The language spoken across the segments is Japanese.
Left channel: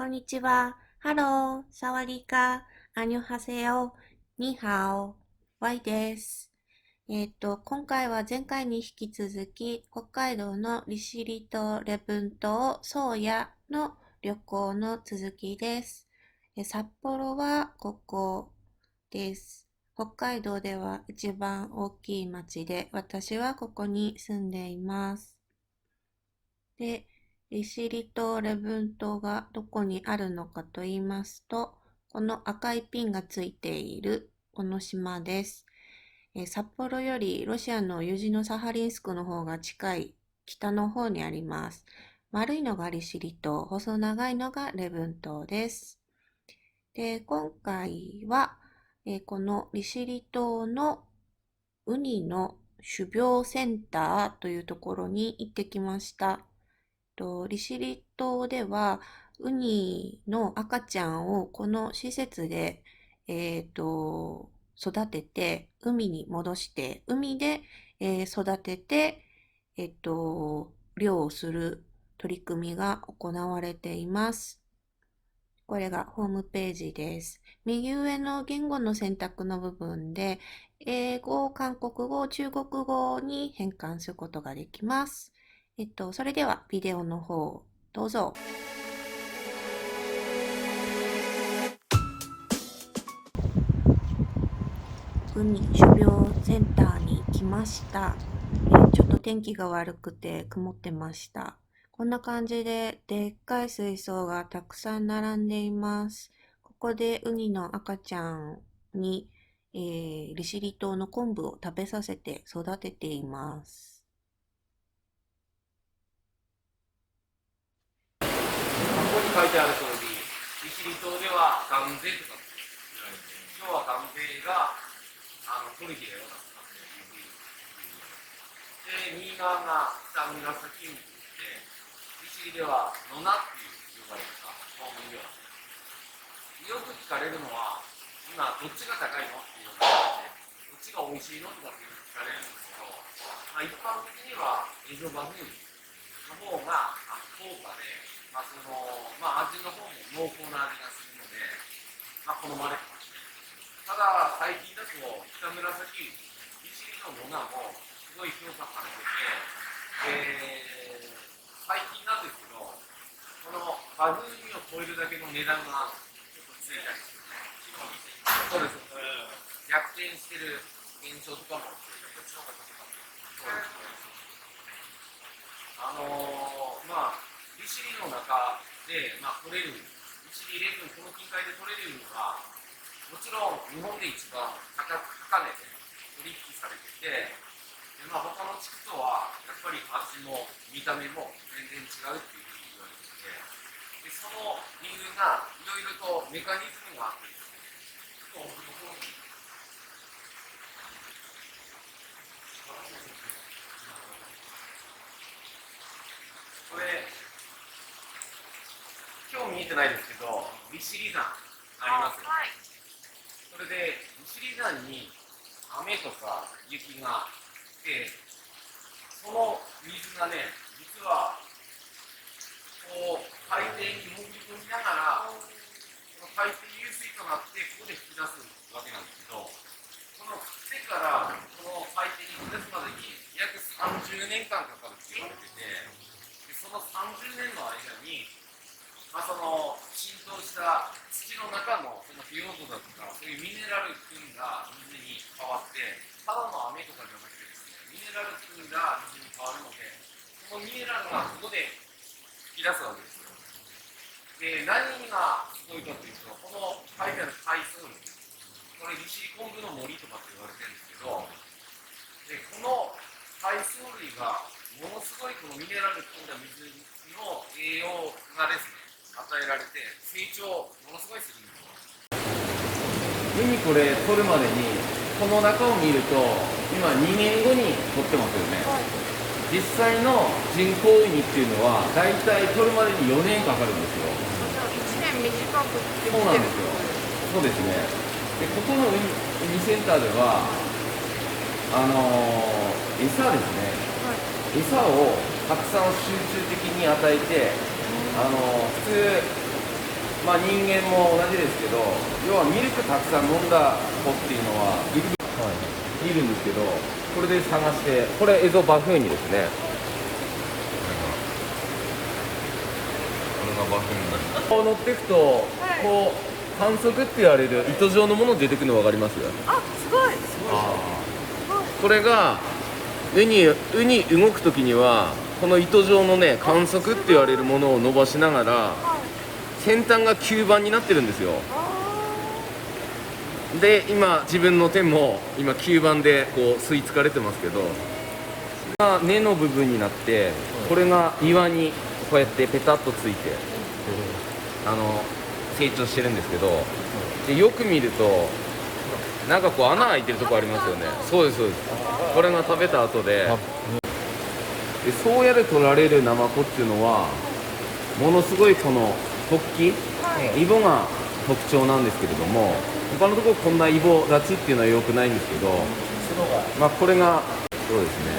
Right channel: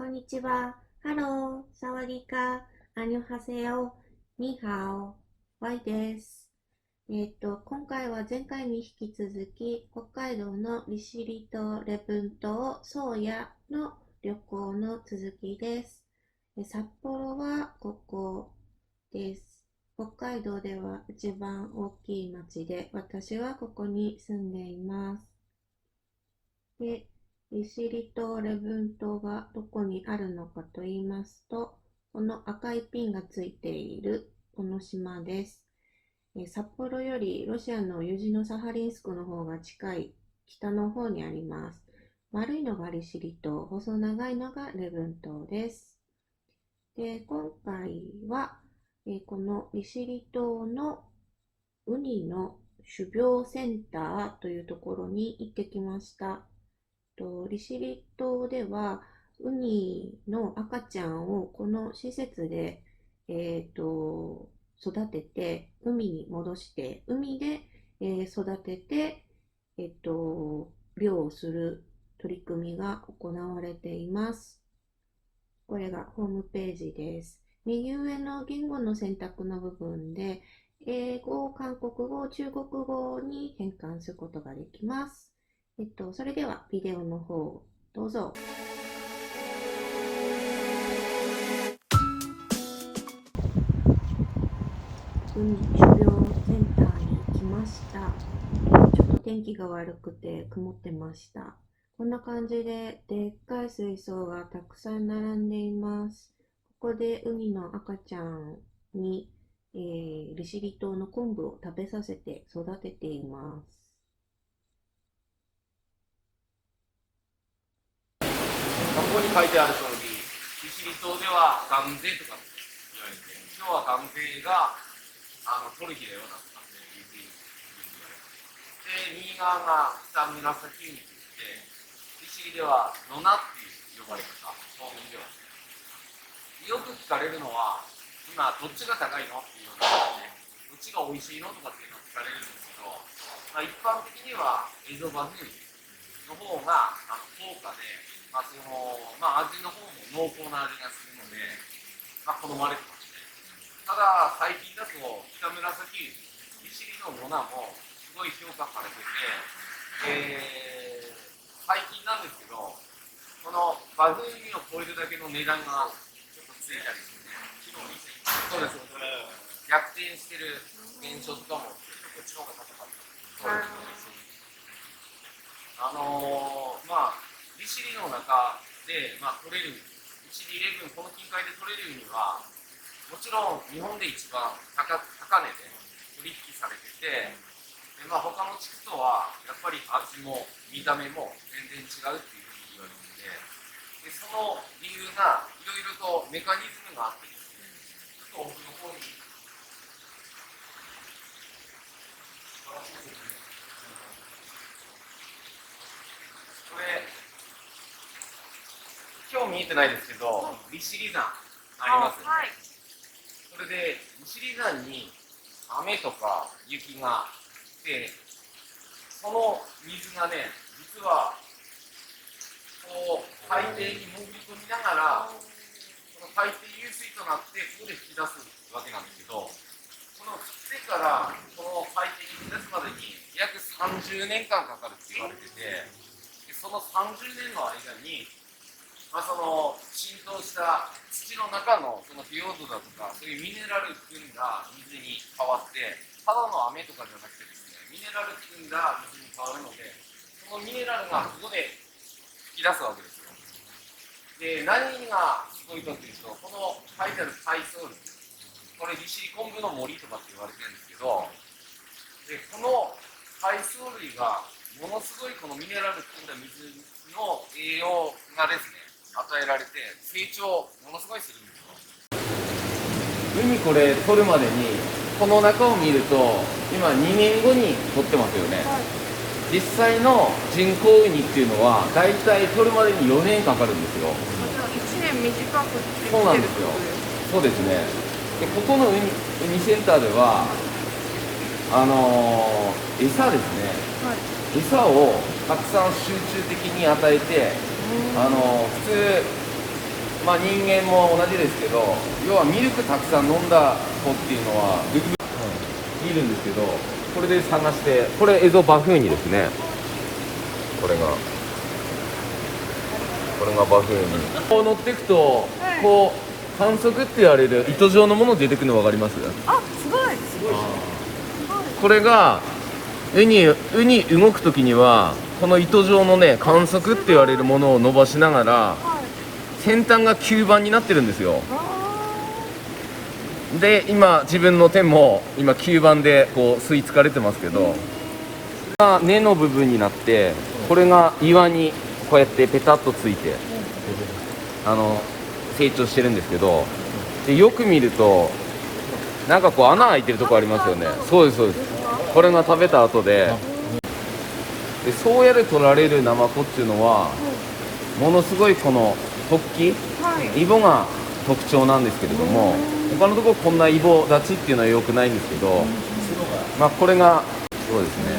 こんにちは。ハロー、サワディーカ、アニョハセヨ、ニーハオ、ワイです。今回は前回に引き続き、北海道の利尻島、礼文島、宗谷の旅行の続きです。札幌はここです。北海道では一番大きい町で、私はここに住んでいます。で、利尻島、礼文島がどこにあるのかと言いますと、この赤いピンがついているこの島です。札幌よりロシアのユジノサハリンスクの方が近い北の方にあります。丸いのが利尻島、細長いのが礼文島です。で、今回は、この利尻島のウニの種苗センターというところに行ってきました。利尻島ではウニの赤ちゃんをこの施設で、育てて海に戻して海で、育てて、漁をする取り組みが行われています。これがホームページです。右上の言語の選択の部分で英語、韓国語、中国語に変換することができます。それではビデオの方、どうぞ。海種苗センターに来ました。ちょっと天気が悪くて曇ってました。こんな感じででっかい水槽がたくさん並んでいます。ここでウニの赤ちゃんに、利尻島の昆布を食べさせて育てています。ここに書いてある通り、利尻島では関税とか言われて、今日は関税が取る日だよなっていうふうに言う。で、右側が北紫海といって、利尻では野名っていう呼ばれるか、島民では。よく聞かれるのは、今どっちが高いのっていうので、どっちが美味しいのとかっていうのを聞かれるんですけど、一般的にはエゾバフンの方が高価で、味の方も濃厚な味がするので、好まれてますね。ただ、最近だと北紫、利尻のモナもすごい評価されてて、最近なんですけど、このバフンミを超えるだけの値段がちょっとついたりするね。そうです。逆転してる現象とかも、こっちの方が高かった。利尻の中で、取れる、利尻レーンこの近海で取れるウニは、もちろん日本で一番高値で取引されてて、他の地区とはやっぱり味も見た目も全然違うっていうふうに言われてて、その理由がいろいろとメカニズムがあってですね、ちょっと奥の方に。これ今日見えてないですけど、利尻山ありますよね。これで利尻山に雨とか雪が来て、その水がね、実はこう海底に潜り込みながら、この海底湧水となってここで吹き出すわけなんですけど、この降ってからこの海底に吹き出すまでに約30年間かかるって言われてて、その30年の間に、その浸透した土の中のその腐葉土だとか、そういうミネラル含んだ水に変わって、ただの雨とかじゃなくてですね、ミネラル含んだ水に変わるので、そのミネラルがここで吹き出すわけですよ。で、何がすごいかというと、この書いてある海藻類、これ利尻昆布の森とかって言われてるんですけど、でこの海藻類がものすごいこのミネラル含んだ水の栄養がですね、与えられて成長ものすごいするんですよ。海これ取るまでにこの中を見ると今2年後に取ってますよね、はい、実際の人工ウニっていうのはだいたい取るまでに4年かかるんですよ。じゃあ1年短くできてるそうなんですよ。そうですね。でここのウニセンターでは、餌ですね、はい、餌をたくさん集中的に与えて、普通まあ人間も同じですけど、要はミルクたくさん飲んだ子っていうのはいるんですけど、これで探して、これエゾバフンニですね。これがバフンニ。こう乗っていくと、こう反則って言われる糸状のもの出てくるの分かります？あ、すごい。これがウニ動くときにはこの糸状のね管足って言われるものを伸ばしながら先端が吸盤になってるんですよ。で今自分の手も今吸盤でこう吸い付かれてますけど、根の部分になってこれが岩にこうやってペタッとついて成長してるんですけど、でよく見るとなんかこう穴開いてるとこありますよね。そうですそうです。これが食べた後で、そうやって取られるナマコっていうのはものすごいこの突起、イボが特徴なんですけれども、他のところこんなイボ立ちっていうのは良くないんですけど、まあこれがそうですね。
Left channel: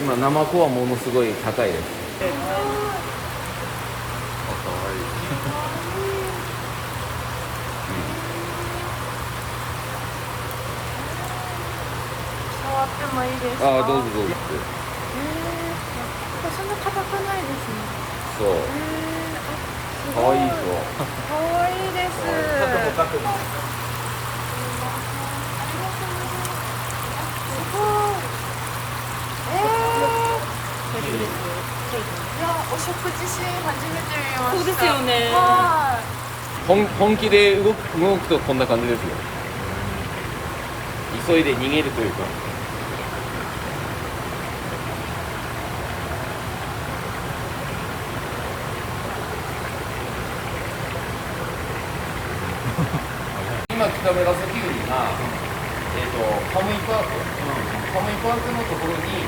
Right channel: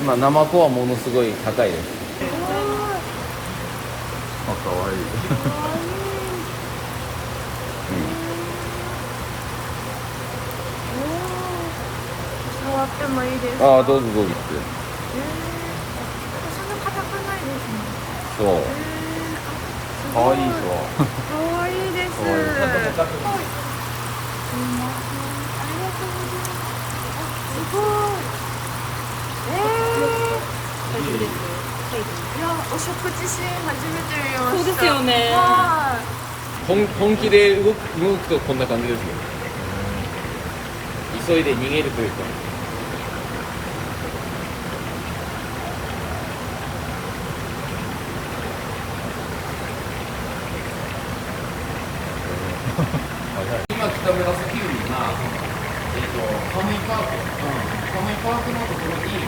今ナマコはものすごい高いです。触ってもいいですか？ああどうぞどうぞ。そんな硬くないですね。そう。あ、可愛いでしょ。かわいいです。すいません。ありがとうございます。あ、すごい。大丈夫です。いや、お食事シーン初めて見ました。そうですよね。は本気で動くとこんな感じですよ。急いで逃げるというか。今北村スキルには、カムイパークのところに行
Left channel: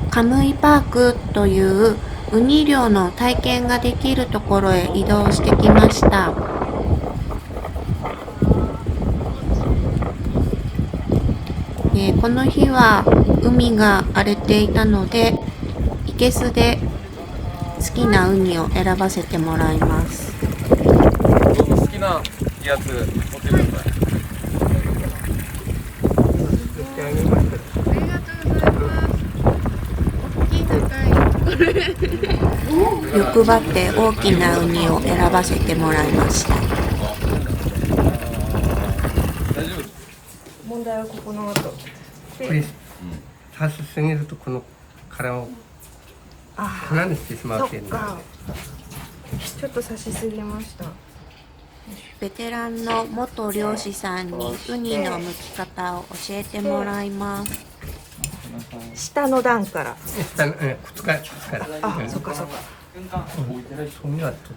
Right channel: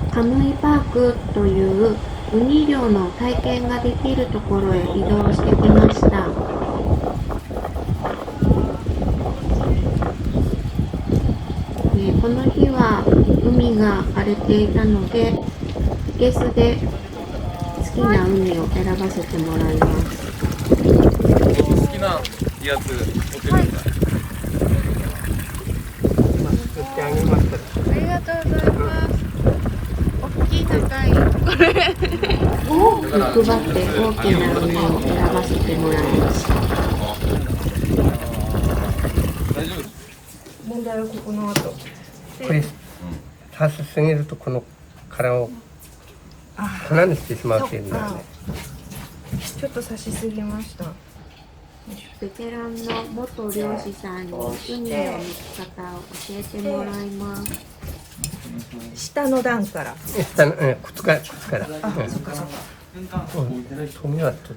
く。カムイパークというウニ漁の体験ができるところへ移動してきました。この日は海が荒れていたので、いけすで好きなウニを選ばせてもらいます。好きなやつ持ってください。ありがとうございます。大きい高い。欲張って大きなウニを選ばせてもらいました。大丈夫です。問題はここの後。これ刺しすぎるとこの殻を鼻にしてしまうっていうのが、ちょっと刺しすぎました。ベテランの元漁師さんにウニの剥き方を教えてもらいます。下の段から。下の靴からあ、そっかそっか。トミはと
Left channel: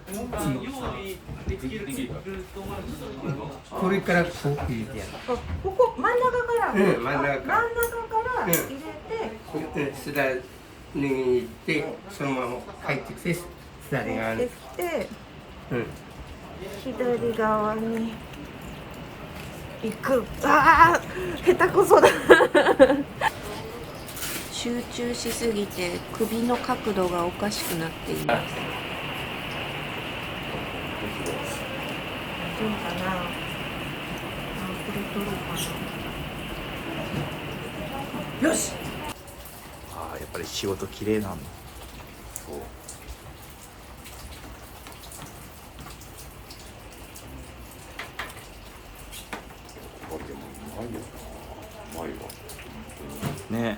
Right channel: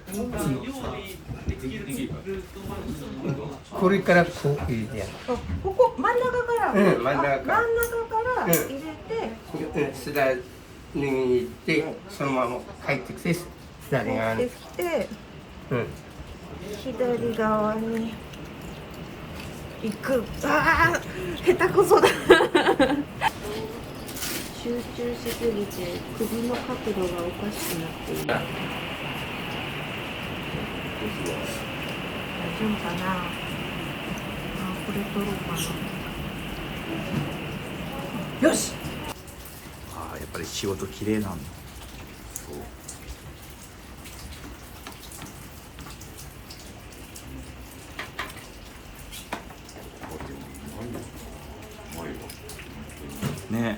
これからこう入れてやる。あ、ここ真ん中から。真ん中から真ん中から入れて。すだれに行ってそのまま帰ってきてすだれ側に入ってきて。左側に行く。ああ、下手くそだ。集中しすぎて首の角度がおかしくなっています。大丈夫かな。あ、これ取ろうかな。よし。ああ、やっぱり仕事綺麗なんだ。そう。ね。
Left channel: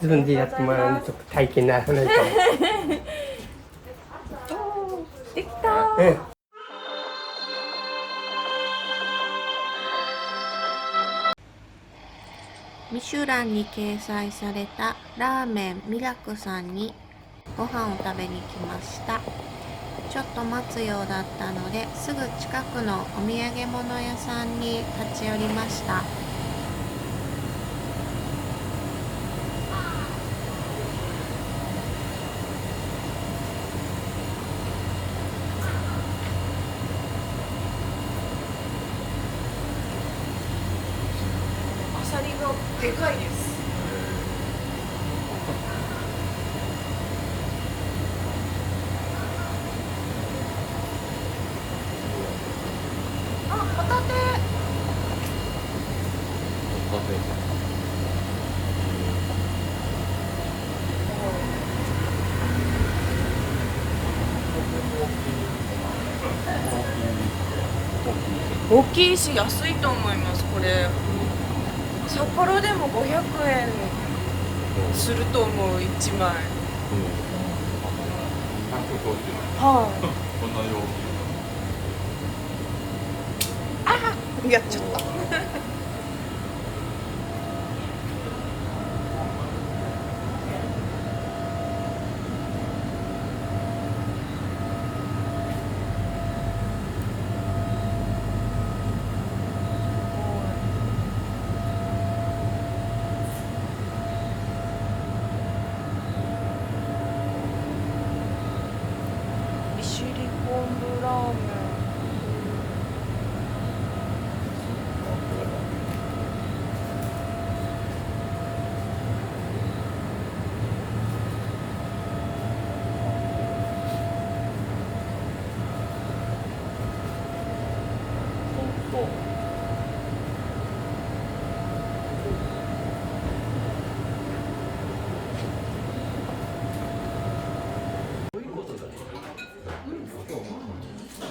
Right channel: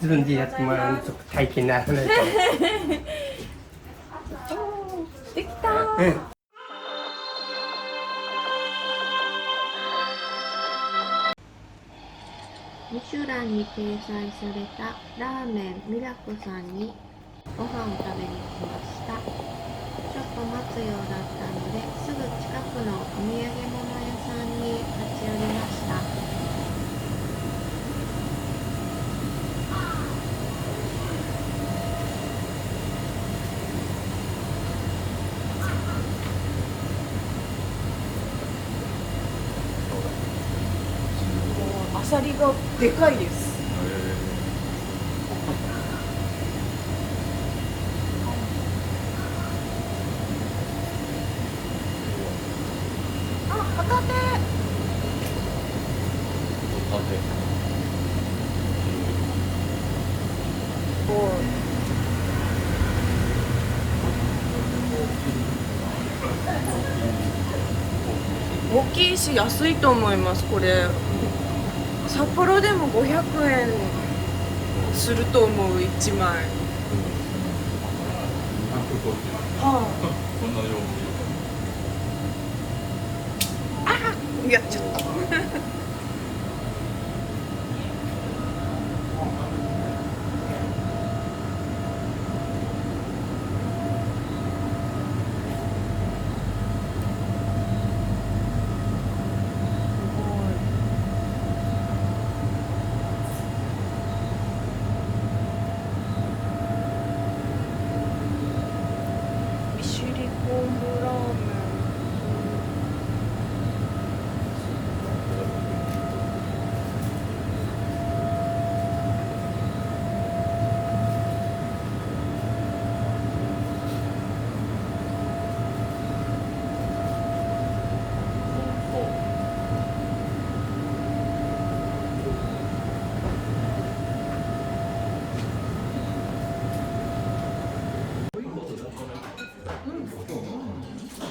自分でやってもらうのちょっと体験な話で。できた。ミシュランに掲載されたラーメンミラクさんにご飯を食べに来ました。ちょっと待つようだったので、すぐ近くのお土産物屋さんに立ち寄りました。でかいです。あ、ホタテ。大きいし安いと思います。これ札幌でも500円すると思う、1枚。はい、あ、やっちゃった。利尻昆布ラーメン。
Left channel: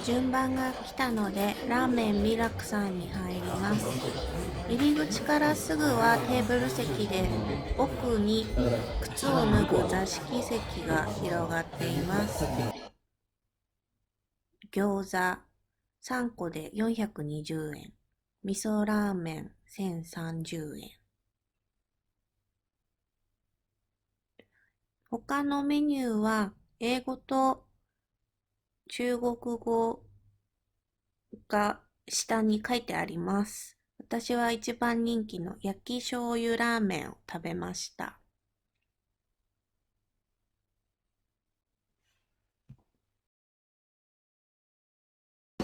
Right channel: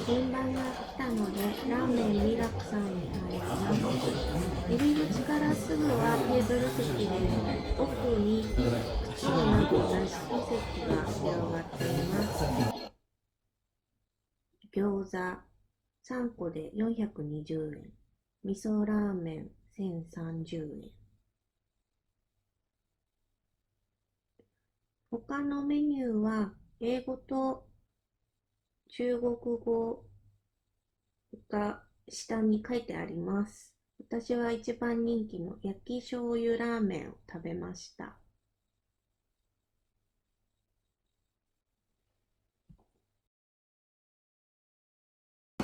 順番が来たのでラーメンミラクさんに入ります。入り口からすぐはテーブル席で、奥に靴を脱ぐ座敷席が広がっています。餃子3個で420円、味噌ラーメン1030円。他のメニューは英語と中国語が下に書いてあります。私は一番人気の焼き醤油ラーメンを食べました。い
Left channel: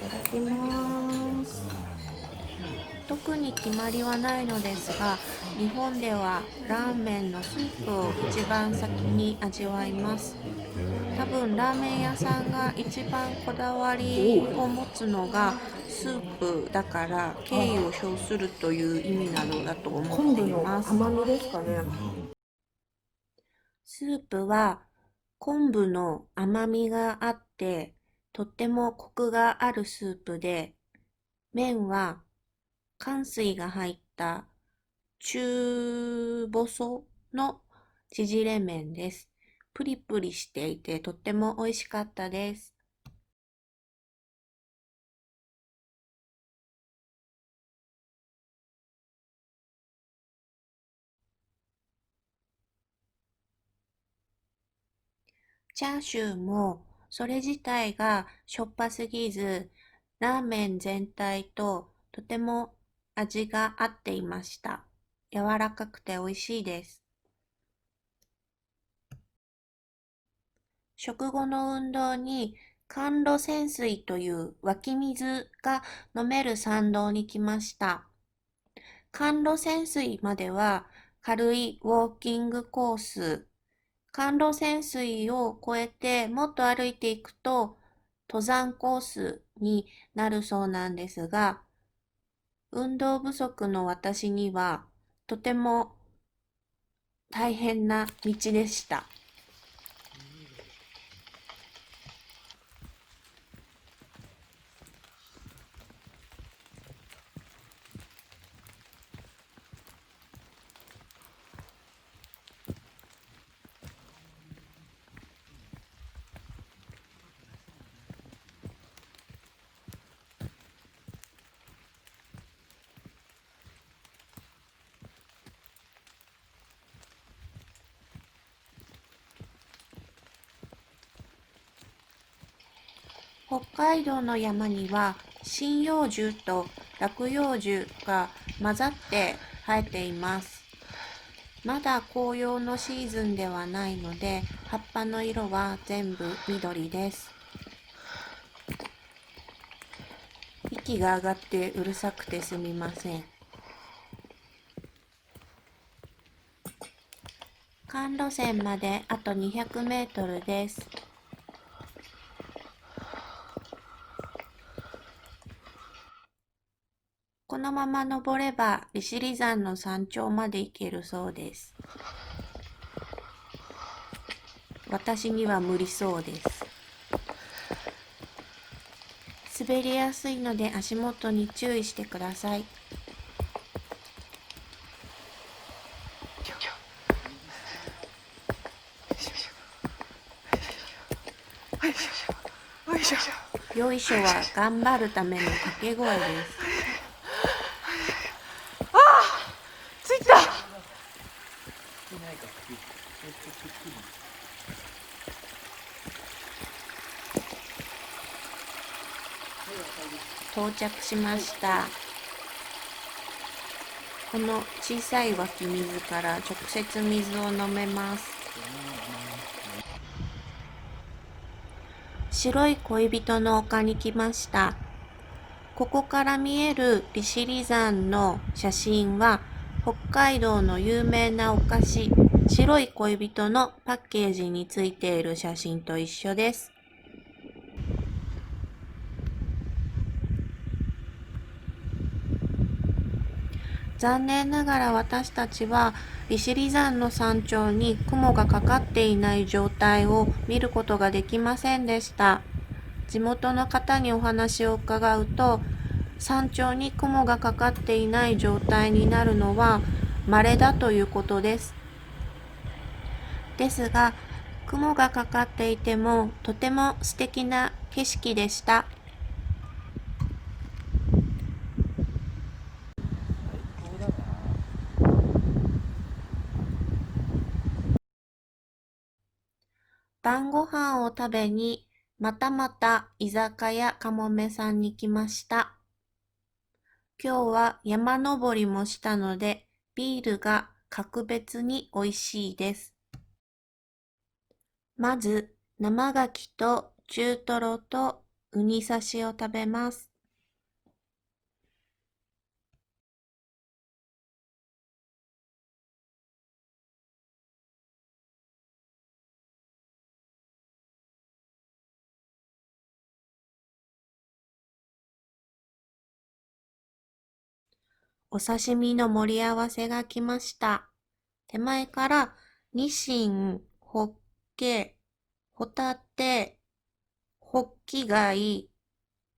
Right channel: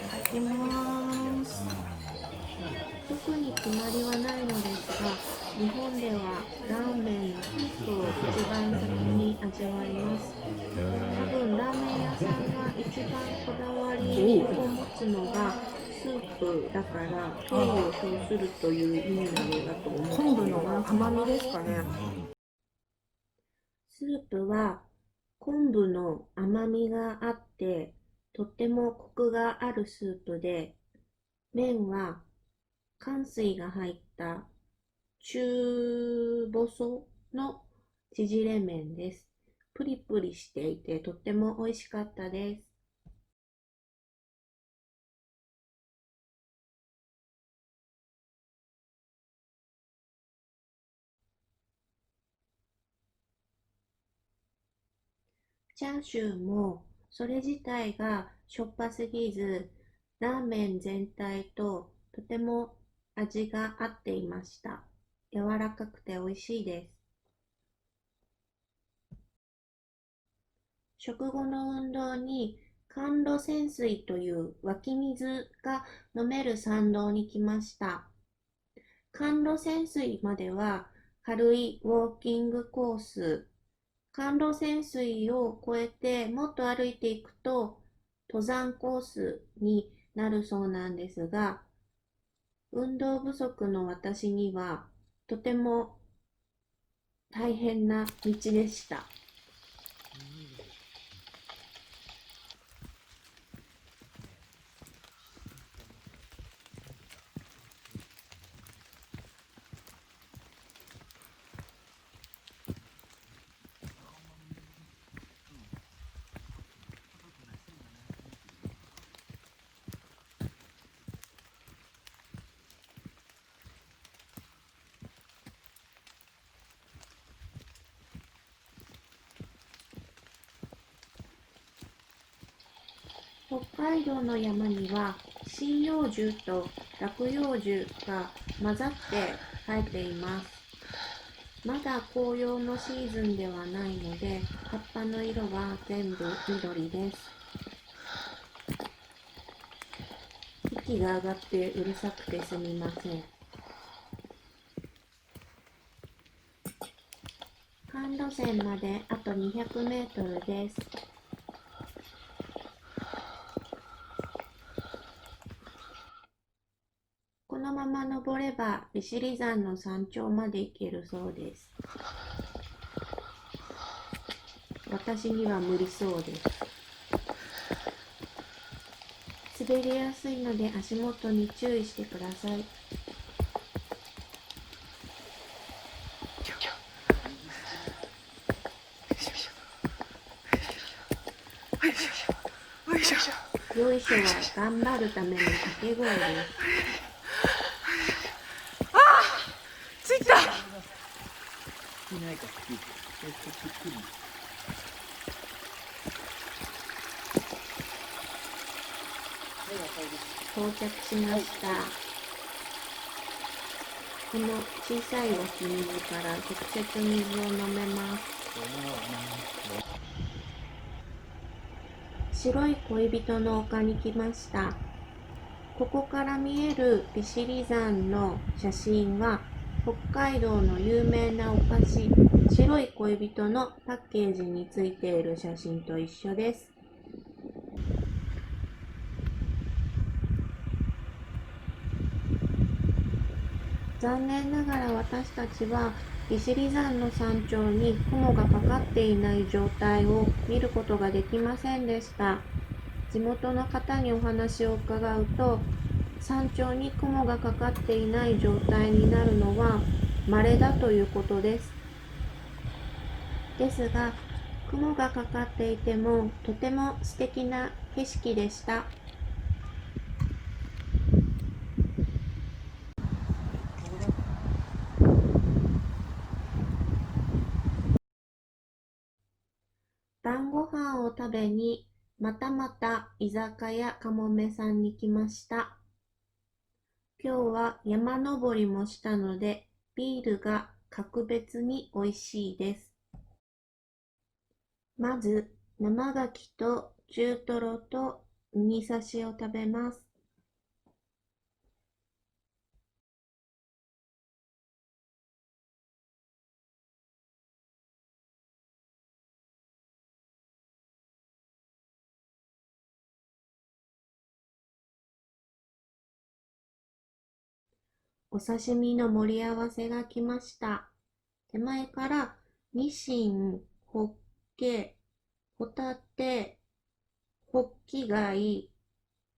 ただきます。特に決まりはないのですが、日本ではラーメンのスープを一番先に味わいます。多分ラーメン屋さんが一番こだわりを持つのがスープだから敬意を表するという意味なのだと思っています。昆布の甘みですかね。スープは昆布の甘みがあってとってもコクがあるスープで、麺はかん水が入った中細の縮れ麺です。プリプリしていてとっても美味しかったです。チャーシューもそれ自体がしょっぱすぎず、ラーメン全体ととても味が合っていました。柔らかくて美味しいです。食後の運動に甘露泉水という湧き水が飲める参道に来ました。甘露泉水までは軽いウォーキングコース。甘露泉水を越えてもっと歩いていくと登山コースになるそうなんですが、運動不足の私にはとても大変な道でした。北海道の山には針葉樹と落葉樹が混ざって生えています。まだ紅葉のシーズンではないので、葉っぱの色は全部緑です。引息が上がってうるさくてすみません。環路線まであと200メートルです。このまま登れば利尻山の山頂まで行けるそうです。私には無理そうです。滑りやすいので足元に注意してください。よいしょは頑張るための掛け声です。着いた。到着しました。この小さい湧き水から直接水を飲めます。白い恋人の丘に来ました。ここから見える利尻山の写真は北海道の有名なお菓子白い恋人のパッケージについている写真と一緒です。残念ながら私たちは利尻山の山頂に雲がかかっていない状態を見ることができませんでした。地元の方にお話を伺うと、山頂に雲がかかっていない状態になるのは稀だということです。ですが、雲がかかっていてもとても素敵な景色でした。晩ご飯を食べにまたまた居酒屋かもめさんに来ました。今日は山登りもしたのでビールが格別に美味しいです。まず生牡蠣と中トロとウニ刺しを食べます。お刺身の盛り合わせが来ました。手前からニシン、ホッケ、ホタテ、ホッキ貝、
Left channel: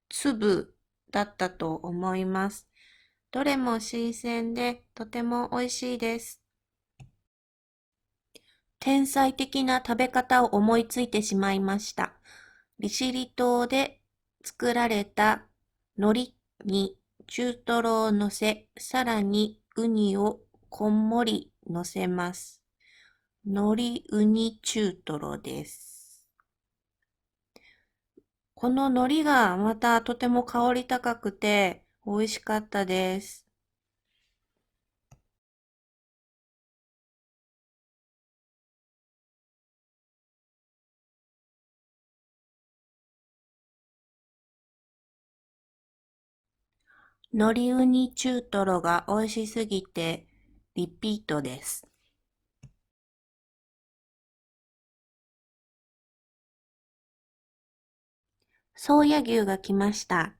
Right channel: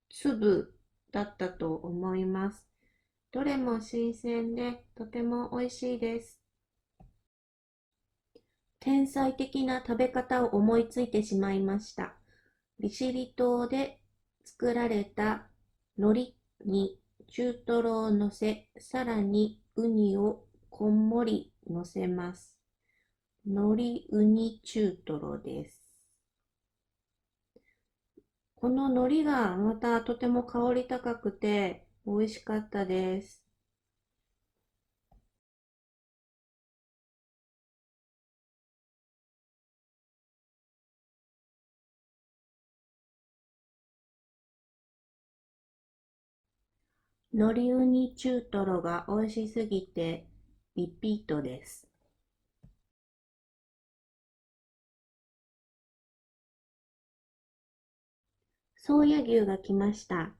粒だったと思います。どれも新鮮でとても美味しいです。天才的な食べ方を思いついてしまいました。利尻島で作られた海苔に中トロを乗せ、さらにウニをこんもり乗せます。海苔ウニ中トロです。この海苔がまたとても香り高くて美味しかったです。海苔ウニ中トロが美味しすぎてリピートです。宗谷牛が来ました。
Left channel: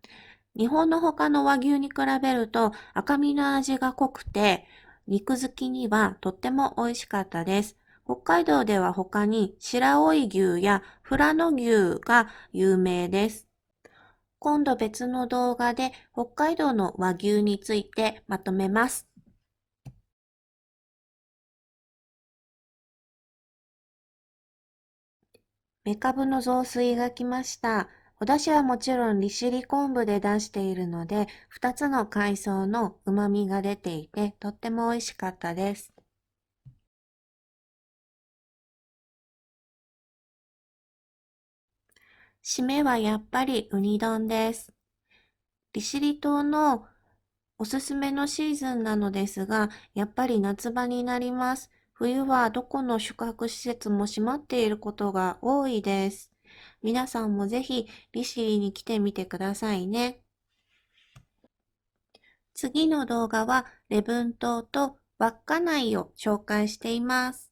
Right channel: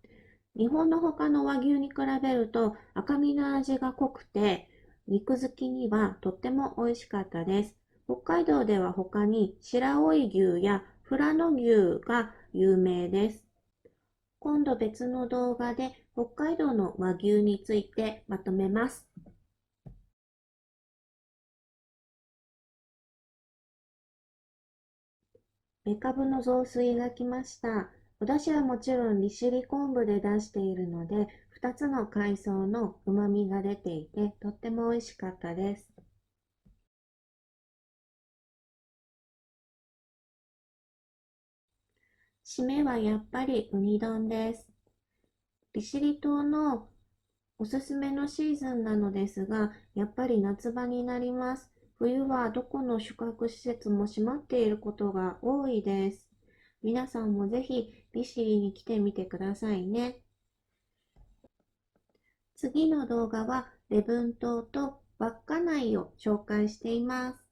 日本の他の和牛に比べると赤身の味が濃くて、肉好きにはとっても美味しかったです。北海道では他に白老牛や富良野牛が有名です。今度別の動画で北海道の和牛についてまとめます。メカブの雑炊が来ました。お出汁はもちろん利尻昆布で出しているので、2つの海藻の旨味が出ていて、とっても美味しかったです。締めはやっぱりウニ丼です。利尻島のおすすめのシーズンなのですが、やっぱり夏場になります。冬はどこの宿泊施設も閉まっていることが多いです。皆さんもぜひ利尻に来てみてくださいね。次の動画は礼文島と稚内を紹介しています。